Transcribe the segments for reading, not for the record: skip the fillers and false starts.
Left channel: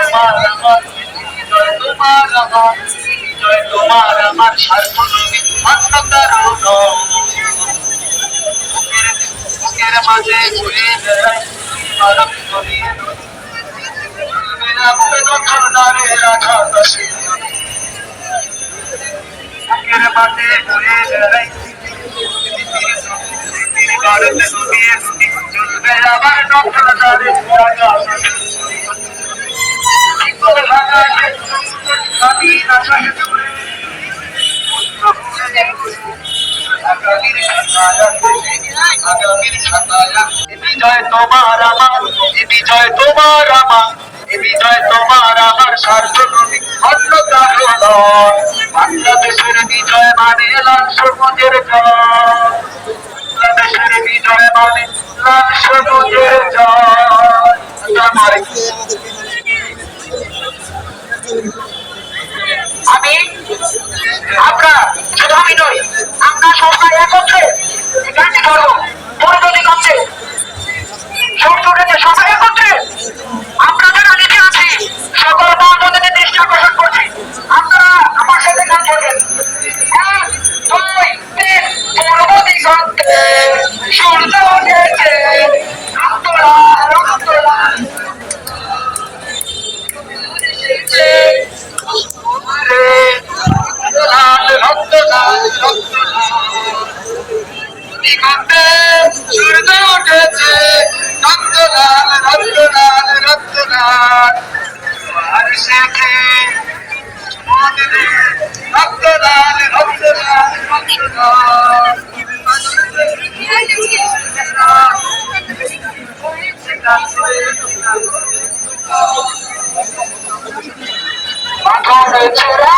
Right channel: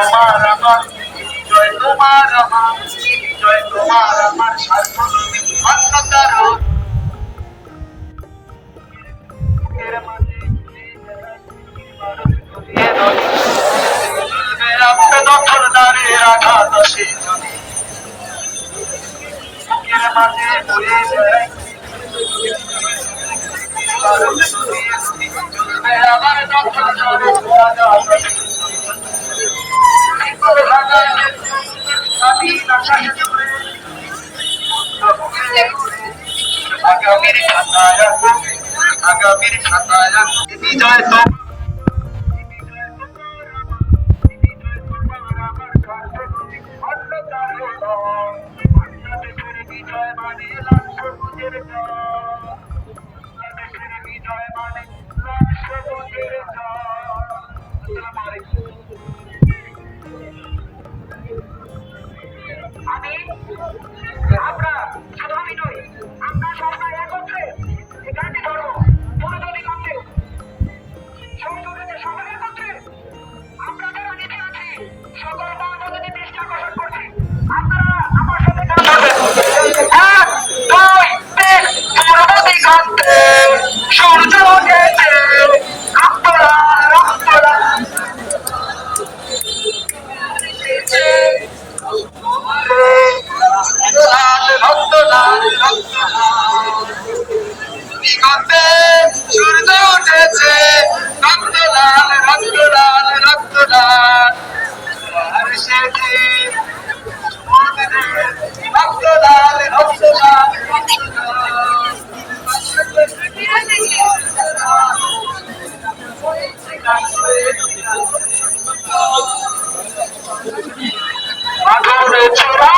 তোমার আমার বিজয় তোমার আমার বিজয় তোমার আমার স্বার্থ নবী মান্যতার বুকের মাঝে ঘুরে বেড়াই মারক করিয়ে নদী দখল নারে আঘাত আসে বুকের মাঝে ঘুরে বেড়াই মারক করিয়ে নদী চলবে আবার দখল নারে আঘাত আসে আগামীর খাতায় বিজয় তোমার আমার বিজয় তোমার আমার বিজয় তোমার আমার স্বার্থ নবী অন্য কারো নয় বাংলাদেশের বিজয় মানে লাল সবুজের জয় বাংলাদেশের বিজয় মানে লাল সবুজের জয় আমি আমরা শুধু আমি নই আমরা সবাই একত্রে এই গানটি ধরবো পরিণতি কাছে সূর্য উঠেছে সবাই একত্রে আমরা যারা নিচে আছি সকল মহানদীতে দৃষ্টি আকর্ষণ করছি আপনারা আমার সাথে গান ধরবেন 1 2 3 পূর্বদি কান্তে সূর্য উঠেছে রক্তলা রক্তলা রক্ত লাল রক্ত দিগন্তে সূর্য উঠেছে রক্ত লাল রক্ত লাল রক্ত লাল আর শেখে রক্ত লাল রক্ত লাল রক্ত লাল মাধবে ছোড়া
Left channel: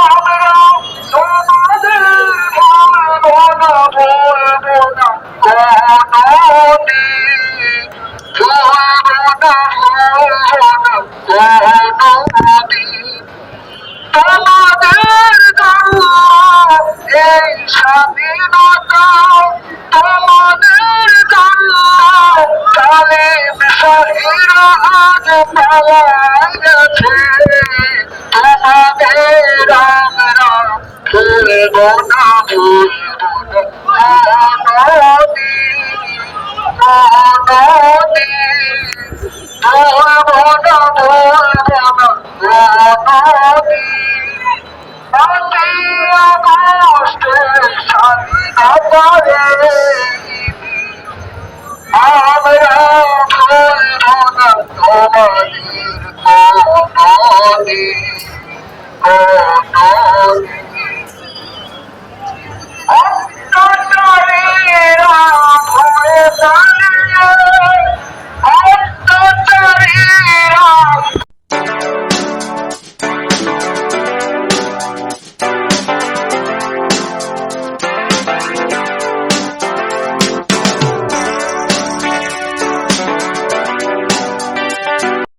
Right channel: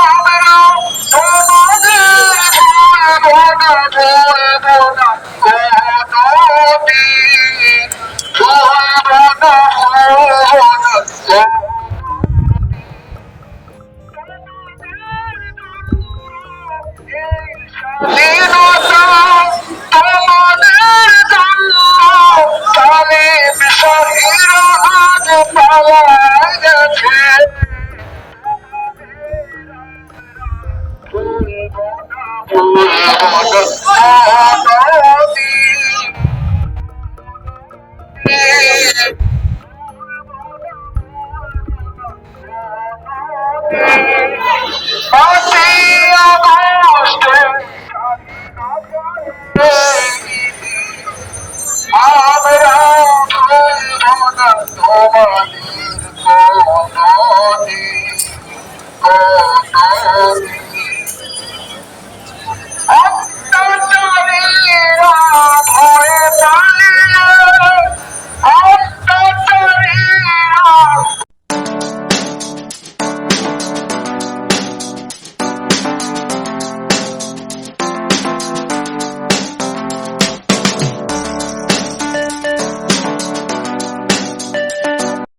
আমরা তোমাদের নদী ভুলব না নদী তোমাদের জন্য এই স্বাধীনতা তোমাদের জন্য তালিম শহীদরা আজ পাওয়া গেছে তোমাদের আমরা ভুলব না